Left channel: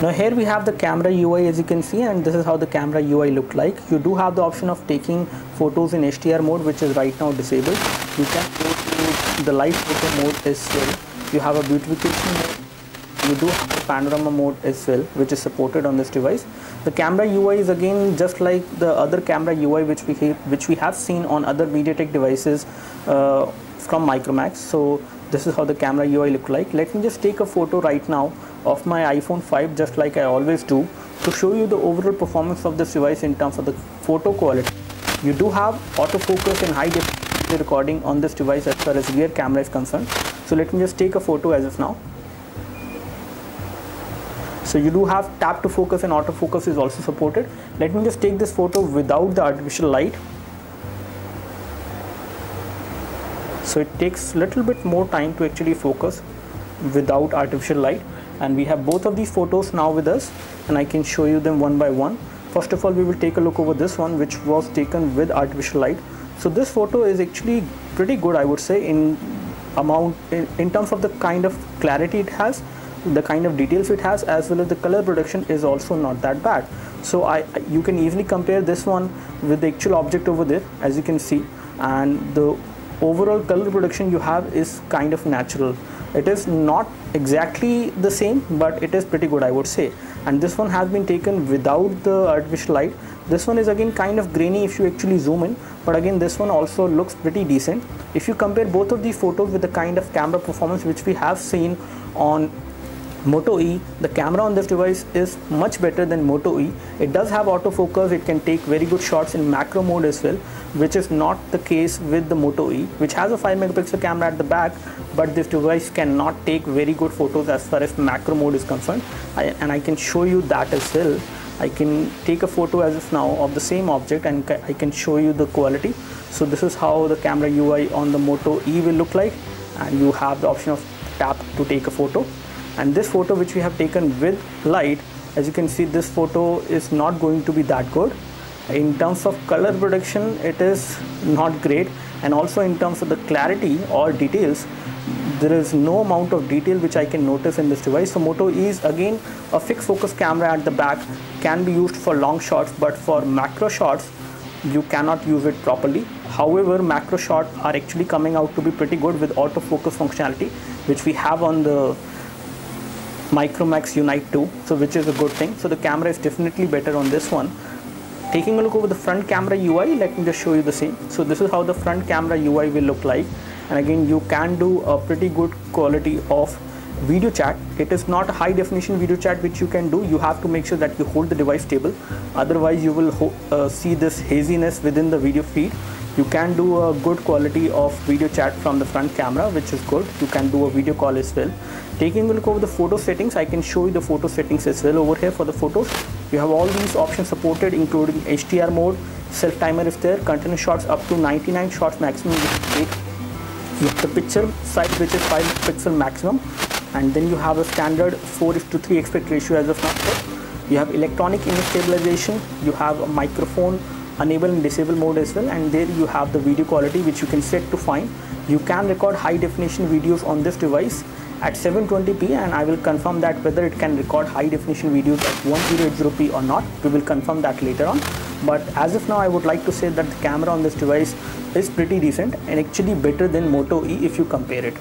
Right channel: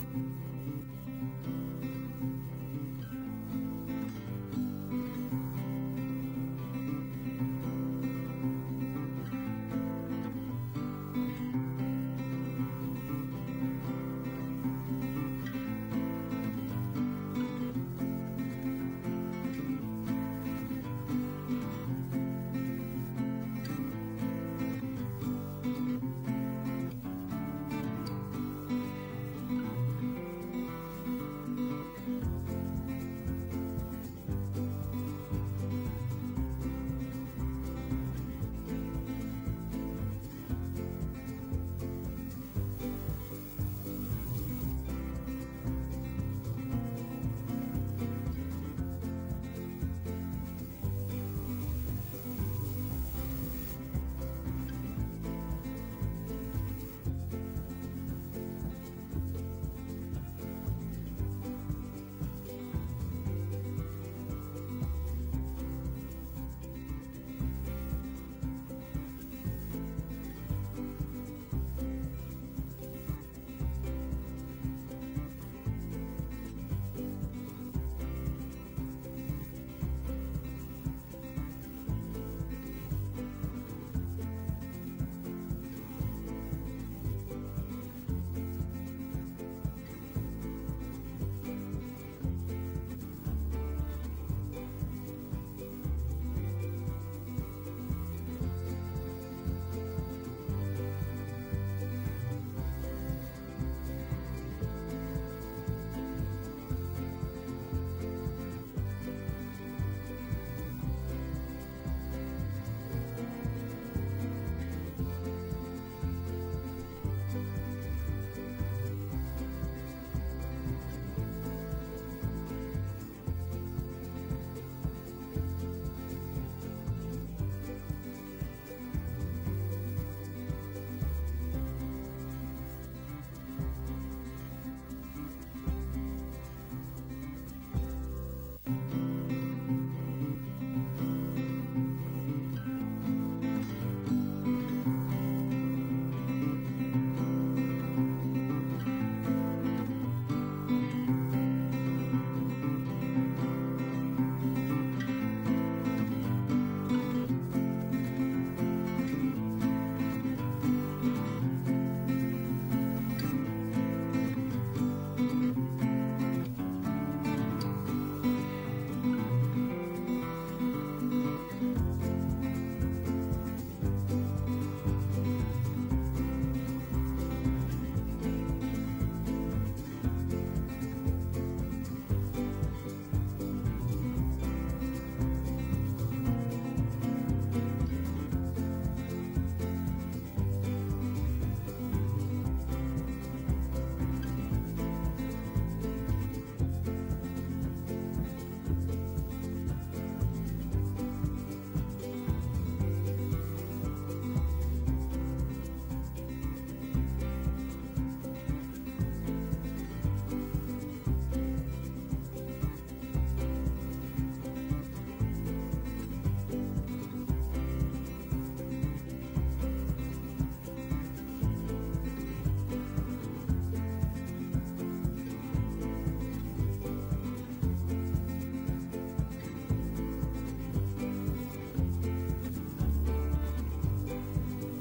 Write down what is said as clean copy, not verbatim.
Now here we have the camera UI, as you can see, and this is how the camera UI looked like. You do have the option of taking photos in HDR mode, which is right now disabled. You can go to the live photo mode as well. You have a beautification mode. You do have the panorama mode as well, which is supported on this device. The camera UI is again just like the other camera UI which we have seen on other MediaTek devices from Micromax. So this is how the camera UI look like. Let me just take a photo right now of my iPhone 5, just like I always do, to show you the overall performance of this device in terms of the photo quality. You do have autofocus and high definition recording on this device as far as rear camera is concerned. So let me just take a photo as of now. So you do have tap to focus and autofocus is also supported. Let me just take this photo without the artificial light. So it takes a little bit more time to actually focus without artificial light, and we have both of these photos now with us, and I can show you them one by one. First of all, we will take a look over this one, which was taken with artificial light. So this photo is actually pretty good, I would say, in terms of the kind of clarity it has, the kind of details it has, as well as the color production is also not that bad. So you can easily compare this one with the actual object over there, as you can see, and the overall color production you have is kind of natural. It is not exactly the same, but it is pretty good, I would say. And this one has been taken without the artificial light. This one is again kind of grainy if you actually zoom in, but again this one also looks pretty decent. If you compare both of these photos with the kind of camera performance which we have seen on Moto E, the camera on this device is much better than Moto E. It does have autofocus, it can take very good shots in macro mode as well, which is not the case with the Moto E, which has a 5 megapixel camera at the back, but this device cannot take very good photos as far as macro mode is concerned. And I can show you that as well. I can take a photo as of now of the same object and I can show you the quality. So this is how the camera UI on the Moto E will look like, and you have the option of tap to take a photo. And this photo which we have taken with light, as you can see, this photo is not going to be that good. In terms of color production, it is not great, and also in terms of the clarity or details, there is no amount of detail which I can notice in this device. So Moto E is again a fixed focus camera at the back, can be used for long shots, but for macro shots you cannot use it properly. However, macro shots are actually coming out to be pretty good with autofocus functionality, which we have on the Micromax Unite 2, so which is a good thing. So the camera is definitely better on this one. Taking a look over the front camera UI, let me just show you the same. So this is how the front camera UI will look like, and again you can do a pretty good quality of video chat. It is not a high definition video chat which you can do. You have to make sure that you hold the device stable, otherwise you will see this haziness within the video feed. You can do a good quality of video chat from the front camera, which is good. You can do a video call as well. Taking a look over the photo settings, I can show you the photo settings as well. Over here for the photos, you have all these options supported, including HDR mode, self timer is there, continuous shots up to 99 shots maximum with 8. You have the picture size, which is 5 pixel maximum, and then you have a standard 4:3 aspect ratio as of now. You have electronic image stabilization, you have a microphone enable and disable mode as well, and there you have the video quality which you can set to fine. You can record high definition videos on this device at 720p, and I will confirm that whether it can record high definition videos at 1080p or not. We will confirm that later on, but as of now I would like to say that the camera on this device is pretty decent and actually better than Moto E if you compare it.